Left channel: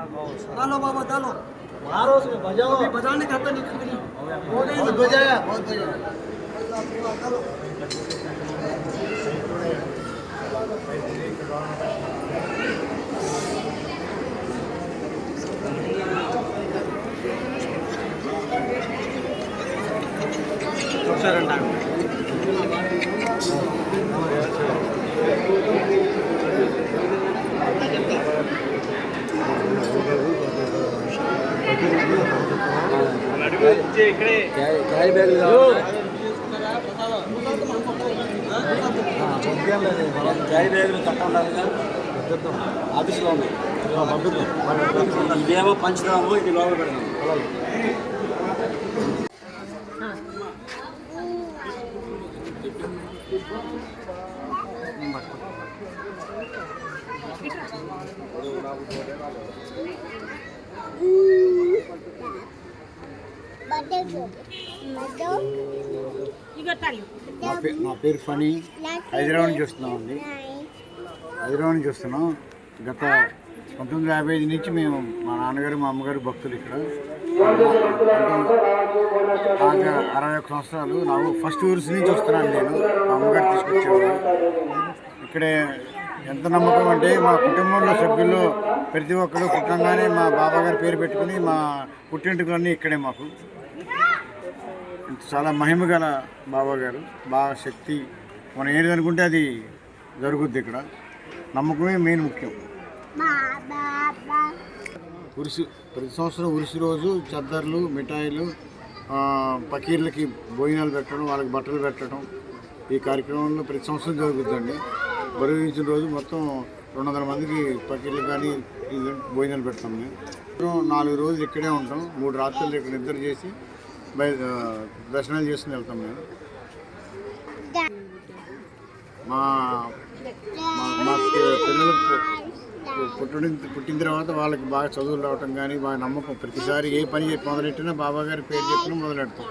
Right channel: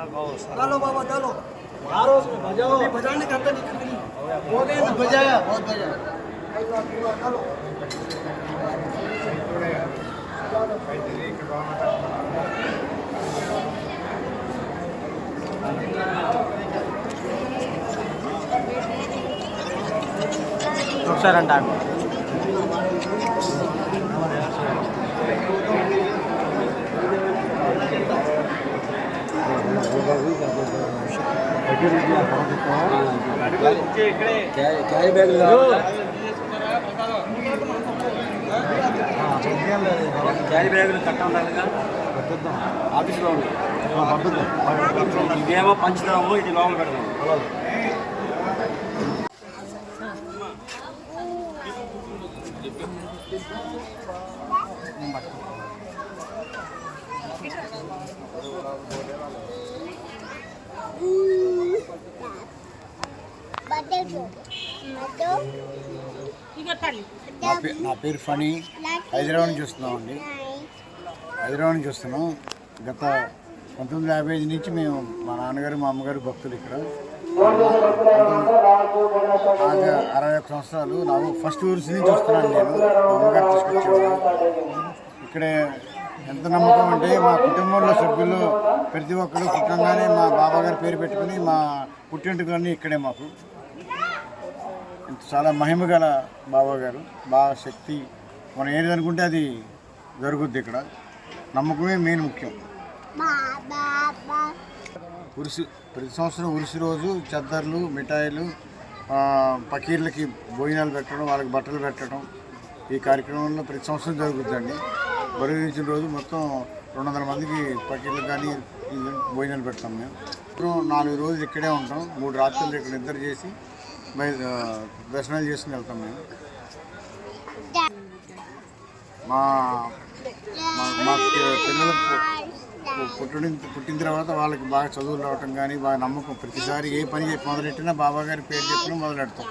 डालो बाबा डालो यारो से बजाओ अभी बजाने का तो नहीं हो गई बहुत बजाया बहुत बजाया ऐसा पूरा डालो చూసారంట క్యారీ బ్యాగ్ క్యారీ బ్యాగులు చట్టం లేదా ఆఫీస్లో ఉంది ఇదేమో పంచుతాము ఇది లోపల పెడతాము నా పేరు ఫనీ హైదరాబాద్ నుంచి వస్తున్నామండి. హైదరాబాద్ నుంచి వస్తున్నాం. గత 1955 నుంచి మేము మా నాన్నగారు మా అమ్మగారు భక్తులు ఇక్కడ. నాకు 61 సంవత్సరాలు. నాకు ఫస్ట్ ఊర్స్ నుంచి వస్తున్నాను నేను. మా అమ్మగారు తీసుకొచ్చేవారు. ఇక్కడే ఎంత నమ్మకం అంటే మా కుటుంబంలో సభ్యులు ప్రతి ఒక్కరు పుట్టంగానే మా బాబాగారి పేరు పెట్టుకుని మా పుట్టింటికలన్నీ ఇక్కడే మాకు. చాలా మహిమ గల బాబాగారు. బాగా శక్తి మనం ఏది అనుకుంటే అది జరుగుద్ది ఇక్కడ. నమ్మకమే మెయిన్ ముఖ్యం. ఉరుసు ప్రతి సంవత్సరం ఉరుసు రోజు చద్దర్లు మిఠాయిలు పకీర్లకి భోజనాలు పెట్టడం వాళ్ళకి బట్టలు పెట్టడం ఈ కార్యక్రమంలో ప్రతి సంవత్సరం జరుగుతుందండి. బరువించిన రోజు మొత్తం 200 మందికి పకీర్లు కానీ భోజనాలు పెడతాం. మేము 4 రోజులు ఇక్కడే ఉంటాం. 3 రాత్రులు ఇక్కడ నిద్ర చేసి దర్శనాలు చేసుకుని వెళ్తాం. మేము మా పిల్లలకు పుట్టిన తర్వాత వాళ్ళకి బాగా చదువులు రావటం కానీ బాగా నమ్మకం. ప్రతిసారి ఏ పని మొదలెట్టినా బాబాగారి పేరు చెప్పినా మొదలెడతాం.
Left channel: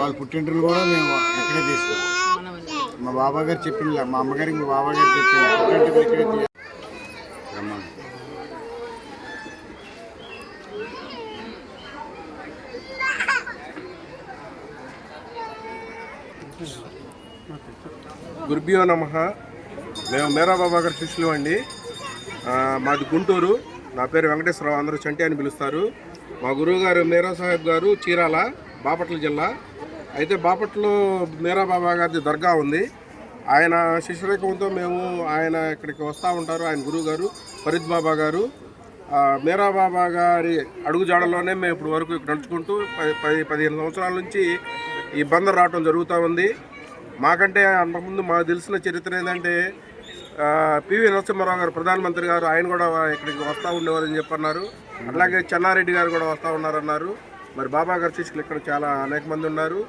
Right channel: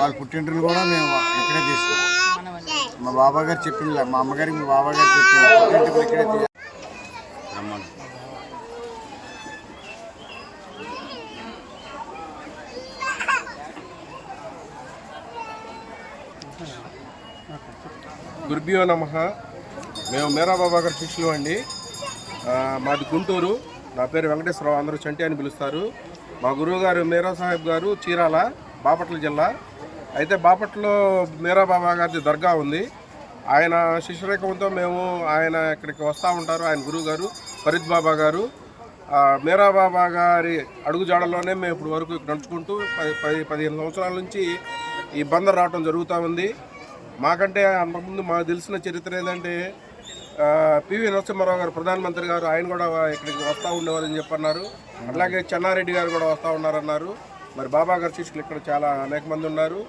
వాళ్ళ పుట్టింటిని కూడా మేము ఇక్కడే తీస్తాం. మా బాబాగారు చెప్పింది మా అమ్మగారికి మా బాబాగారు చెప్పింది పుట్టింటిని ఇక్కడే రమ్మని. గురుభ్యో నమః. మేము మేరా బాబా గారి శిష్యులు అండి. మాది గుంటూరు. నా పేరు వెంకటేశ్వరరావు, అందరూ చంటి అని పిలుస్తారు. మా గురువు గారు మేరా సాహెబ్ గారు చీరాల, బాపట్ల జిల్లా. అయితే బాపట్లలో మేరా బాబా గారి దర్గా ఉంది. ఆయన శిష్యరేఖంతో మేము ఆయన ఇక్కడికి వస్తూ ఉంటారు. ఆయన గురువు గారు ఫరీద్ బాబా గారు. మేరా బాబా గారి అడుగుజాడల్లోనే మేము ఇప్పుడు వరకు ఇక్కడ నడుచుకుంటూ 15 సంవత్సరాల నుంచి ఈ బందర్ రావటం జరుగుతూ ఉంది. మాకంటే అంతకుముందు మాకు తెలిసిన చరిత్ర ఏంటంటే పివి నరసింహారావు గారు ప్రధానమంత్రి గారు ఆయన కూడా ఇక్కడికి వస్తూ ఉండేవారని చెప్పన్నారు. అట్లాగే చెన్నారెడ్డి గారు కూడా వస్తూ ఉన్నారన్నారు. మరి బాబా గారి శిష్యులు ఇక్కడ చాలా అనేక మంది ఉన్నారు.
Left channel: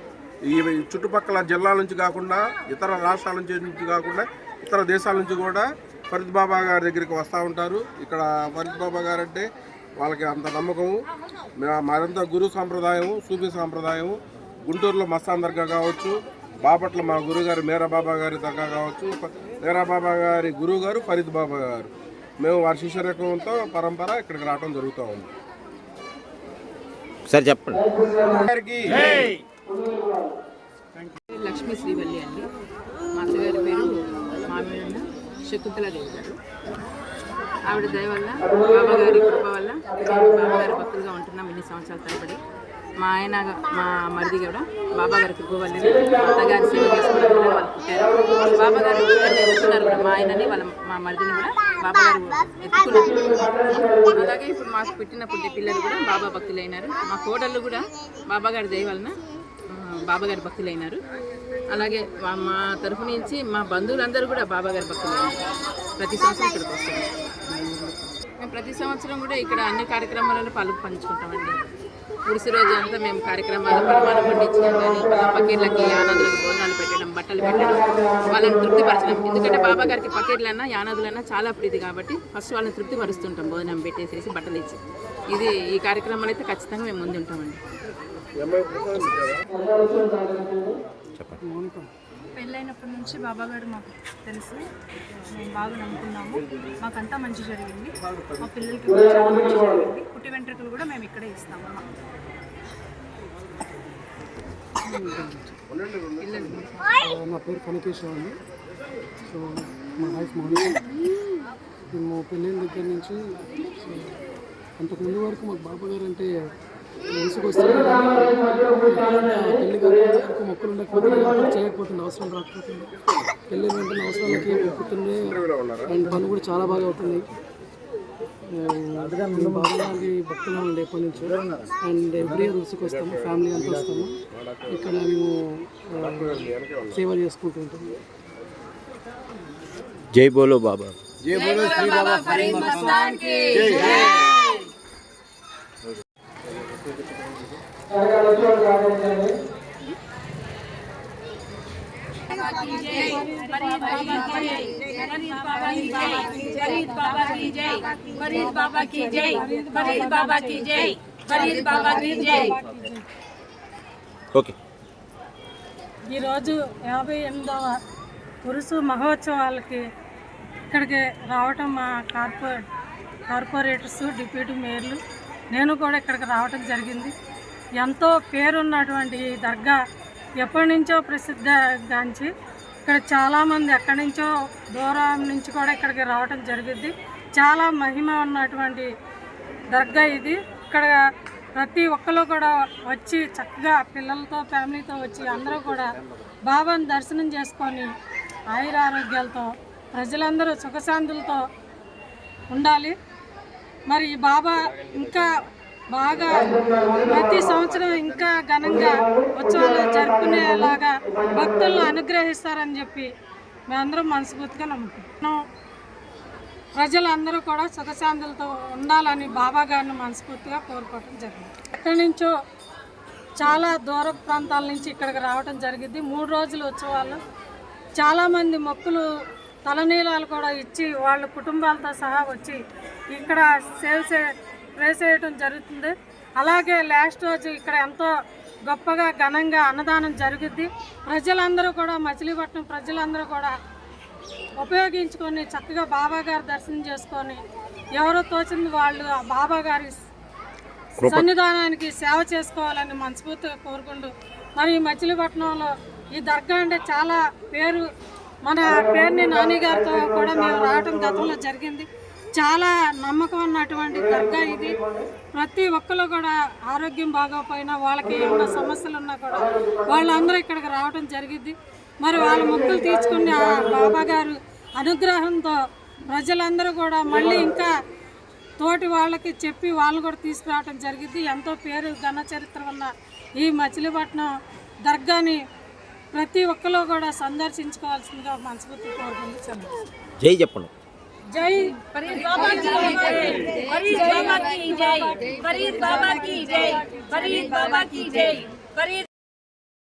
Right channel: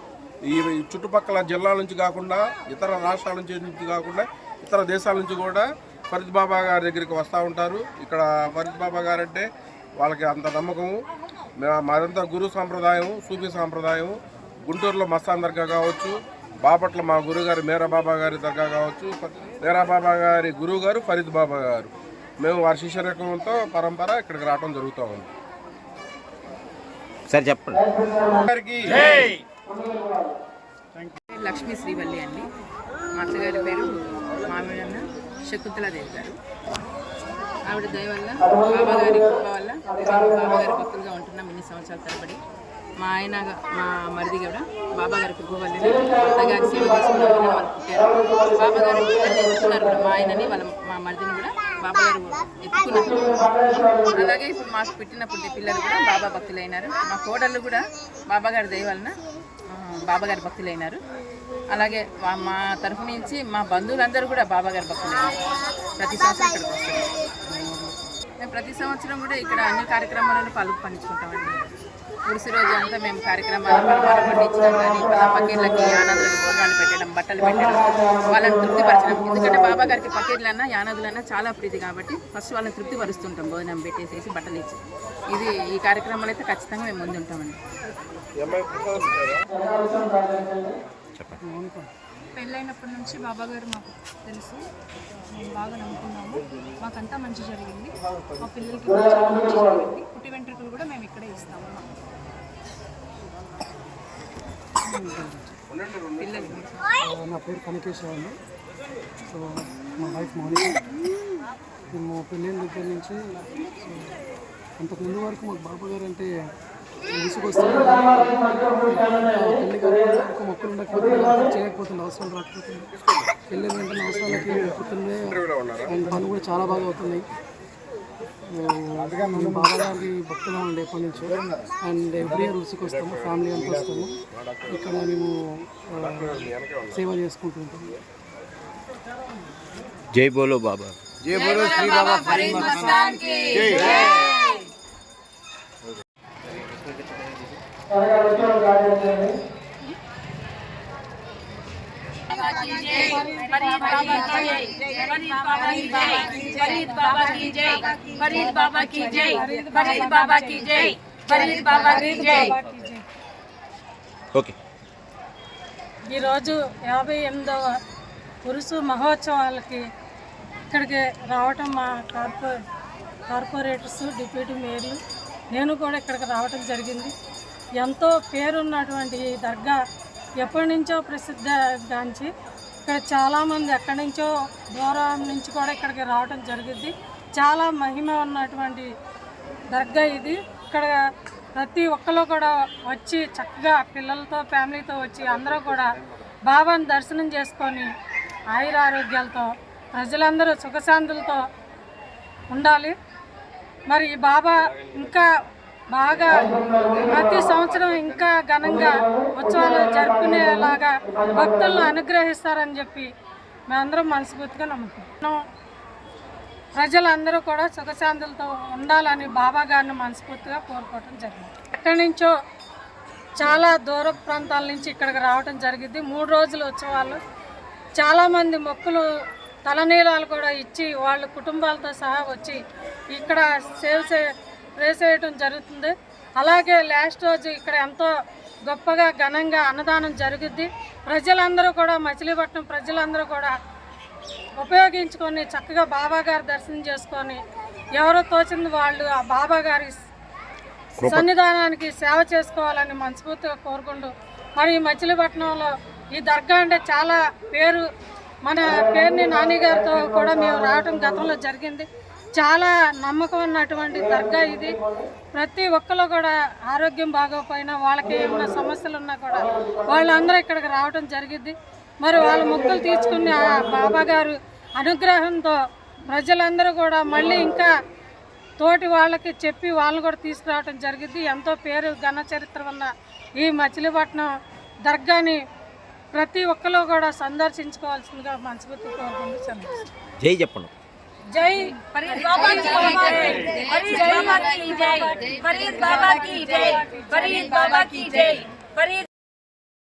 ఈ చుట్టుపక్కల జిల్లాల నుంచి కాకుండా ఇతర రాష్ట్రాల నుంచి కాకుండా ఇతర దేశాల నుంచి కూడా ఫరీద్ బాబా గారి దగ్గరికి వస్తూ ఉంటారు. ఇక్కడ ఫరీద్ బాబా గారు అంటే వాళ్ళకి అంత నమ్మకము. మాదంతా గురు సాంప్రదాయము, సూఫీ సాంప్రదాయము. గుంటూరులో మస్తాన్ దర్గా కావచ్చు, బాపట్ల మా గురుగారు మేరా బాబా గారి దర్గా కావచ్చు. మేరా బాబా గారి గురువు గారు ఫరీద్ బాబా గారు. మేము వారి శిష్యరకంతో పరంపర ఇక్కడికి రావడం జరుగుతూ ఉంది. సార్ చెప్పండి. లక్ష్మీ శ్రీవల్లి అండి. మా అత్తగారి పేరు మామిడన్న శకుంతలాదేవి గారు. ఆవిడ దయ వల్ల బాబాగారి కృప వల్ల బాబాగారి భక్తులుగా ఉంటున్నాం ఇన్ని సంవత్సరాల తరబడి. మా ఆయన మా మరిది కూడా బాబాగారి కృప వల్లనే అత్తగారి సేవ చేసుకోవడం వల్ల వాళ్ళు పుట్టారు. బాబాగారు పిల్లల్ని ఎత్తుకున్నారు కూడా. మా ఆయనని మా మరిదిని కూడా బాబాగారు ఎత్తుకున్నారు. అలాగే ఇప్పుడు మాకు పుట్టిన పిల్లలు కూడా బాబా భక్తులైనారు. మా కోడళ్ళు కూడా బాబాగారి దయ వలన బాబాగారి భక్తులైనారు. అలాగే మా తరఫు నుంచి మా బంధువులందరూ కూడా బాబాగారి భక్తులైనారు. ప్రతి సంవత్సరం ఇక్కడికి వస్తారు. మేము ప్రతి సంవత్సరం కూడా ఇక్కడ అన్ని కార్యక్రమాలలో పంచుకుంటామండి. ఉడిసి రోజు అంతా మేము కార్యక్రమాలు పలహారం పండించడం కానీ పకీర్లకి యానాదులకి భోజనాలు పెట్టడం, బట్టలు పెట్టడం, వాళ్ళని తృప్తిపరచడం. ఎందుకంటే బాబా గారికి పకీర్లన్నా యానాదులన్నా చాలా ప్రీతి కాబట్టి ఫస్ట్ వాళ్ళని తృప్తిపరుస్తుంటాం భోజనం పెట్టేసేసి బట్టలు ఇచ్చి. ఇది ఈ కార్యక్రమాలు అయితే ఖచ్చితంగా మేము ముందు ఉంటామండి. పెళ్ళైనప్పటి నుంచి బాబా గారు మాకు తెలుసు, మేము బాగా నమ్ముకున్నాము. మాకంతా మంచి జరిగింది, మా పిల్లలకి కూడా చాలా మంచి జరిగింది. పుట్టి వెంట్రుకలు కూడా మేము ఇక్కడే ఇస్తాము. నా పేరు కనకేశ్వర అండి. సో మా వైఫ్ మౌనిక. మేము పెళ్ళైన దగ్గర నుంచి సో అంతకుముందు వరకు మాకు బాబా గారు అంటే విసుగొస్తుంది. పెళ్లి కాకపోతే వరకు మొక్కలు ఉండకపోతే చేయకపోతుంది, అవసరాలు రాకపోతుంది. పెళ్ళైన వెంటనే అవసరాలకి మొక్కుతుంది అండ్ పనులు కూడా చాలా బాగా అవుతున్నాయి. మేము బాబా గారికి భక్తులు ఉండే ఎప్పటి నుంచో అండ్ ఎవ్రీ ఇయర్ ఉసుకు వస్తాము, ఫ్యామిలీ అంతా వస్తాము. ఇక్కడ మేము సేవ చేసుకుంటూ ఉంటాము. జై బోలో బాబా. జై బోలో శ్రీ బాబా ఫరీద్ మస్తాన్ కి జై. ఓకే. ఈరోజు 58వ పురుషు మహోత్సవాలకి ఇక్కడికి రావటం మా కార్పొరేటర్స్, డిప్యూటీ మేయర్లు, నేను కూడా ఇక్కడికి రావటం జరిగింది. ఎంతో పేరున్నటువంటి ఈ దర్గా ఎప్పటి నుంచో ప్రసిద్ధిగాంచి ఇక్కడ చాలామంది ఎక్కడి నుంచో దూరం నుంచి కూడా ఇక్కడికి రావటం జరిగింది. చాలా మహిమ ఉన్నటువంటి దర్గా ఇది. ఇక్కడ ప్రతి ఒక్కరు కూడా వచ్చి చక్కగా పిల్లలతో ఫ్యామిలీతో వచ్చి అందరూ కూడా బాబాను దర్శనం చేసుకొని ఆయురారోగ్యాలతో ప్రజలందరూ సుఖశాంతులతో ఉండాలి. మరి ఈ బాబా ఇంకా బాగా ప్రతి సంవత్సరం ఇంకా ఘనంగా ఉత్సవాలు జరుపుకునేలాగా భక్తులను అనుగ్రహిస్తారని చెప్పి మేమందరం మనస్ఫూర్తిగా నమ్ముతున్నాం. ప్రజలందరూ కూడా సుఖశాంతులతో ఉండాలని బాబా గారిని మనస్ఫూర్తిగా కోరుకోవటం జరిగింది. ఎక్కడి నుంచో చాలా దూర ప్రాంతాల నుంచి ఇక్కడికి రావటం జరిగింది. 3 రోజుల ఉత్సవాలు చాలామంది మొక్కులు తలనీలాలు కూడా ఇచ్చి వాళ్ళ కుటుంబాలతో సహా వచ్చి ఇక్కడ ప్రే చేయటం జరుగుతుంది. అలాగే లాస్ట్ రోజు ఇక్కడ ఎంతో గొప్పగా ఘనంగా అన్నదానం జరుగుద్ది. ప్రజలందరూ కూడా మచిలీపట్నం ప్రజలందరూ కూడా ఉపయోగించుకొని చక్కగా బాబా గారి దర్శనం చేసుకొని ఎవరో తోచింది వాళ్ళు ఆ బాబా గారి సన్నిధానానికి సేవ చేసుకోవాలని మనస్ఫూర్తిగా కోరుకుంటూ, మరి ఈ మచిలీపట్నంలో ఈ దర్గా అంటే చాలా పేరు, మన పేరుని నాని గారితో కూడా మేము రావటం గతంలో జరిగింది. చాలా నమ్మకం ఉన్నటువంటి దర్గా ఇది. ప్రతి ఒక్కరు కూడా ఆరోగ్యం బాగోపోయినా వాళ్ళకి ఏమైనా సమస్యలు ఉన్నా కూడా వాళ్ళందరూ ఇక్కడికి రావటం జరిగింది. మరి వాళ్ళ మొక్కులు తీర్చుకుని ఆ బాబా గారు అనుగ్రహంతో ప్రజలందరూ కూడా మళ్ళీ ఇంకా తోటి వాళ్ళకి చెప్పి వాళ్ళని కూడా తీసుకురావటం జరిగింది. ఎంతో పేరు ఘన చరిత్ర ఉన్న ఈ మచిలీపట్నం దర్గాని ప్రతి ఒక్కరు కూడా సందర్శించుకోవాల్సిందిగా మనస్ఫూర్తి కోరుకుంటున్నాను. జై చెప్పండి. జై ఫరీద్ బాబా की जय, फरीद बाबा की जय, फरीद बाबा की जय, फरीद बाबा की जय, फरीद